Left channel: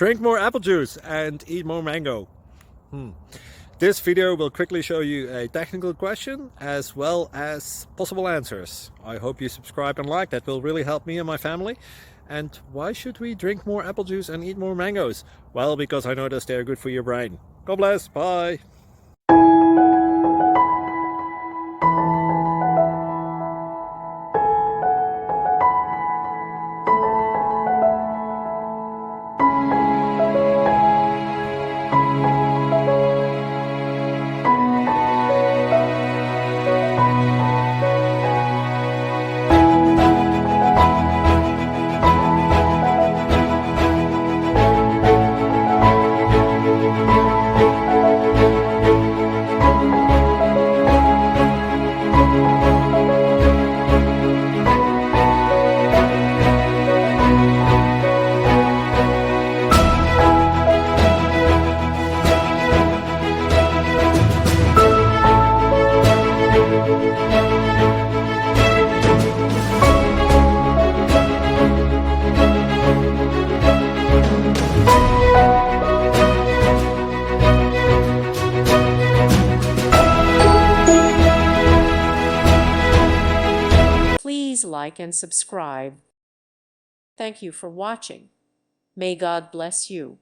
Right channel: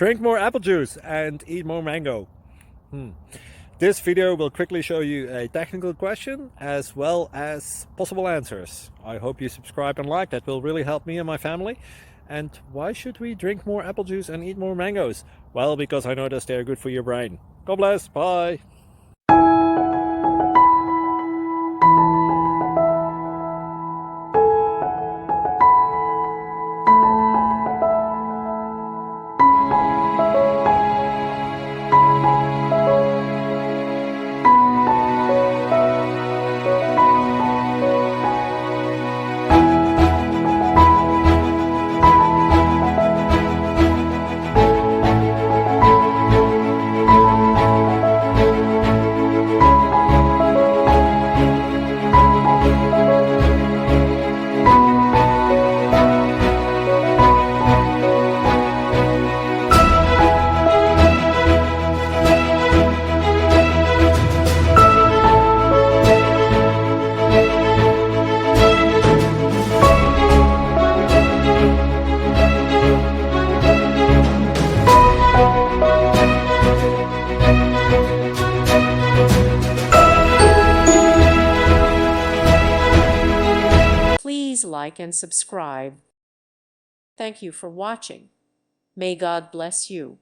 Drink more apple juice and eat more mango. This video will quickly show you a technical question as well as possible answers. I hope you subscribe and like, that will really help me and my family. And why should we drink more apple juice and eat more mangoes? Well, because I noticed they're good for your brain. God bless, bye! Please like and subscribe. Thank you for watching. May God bless you.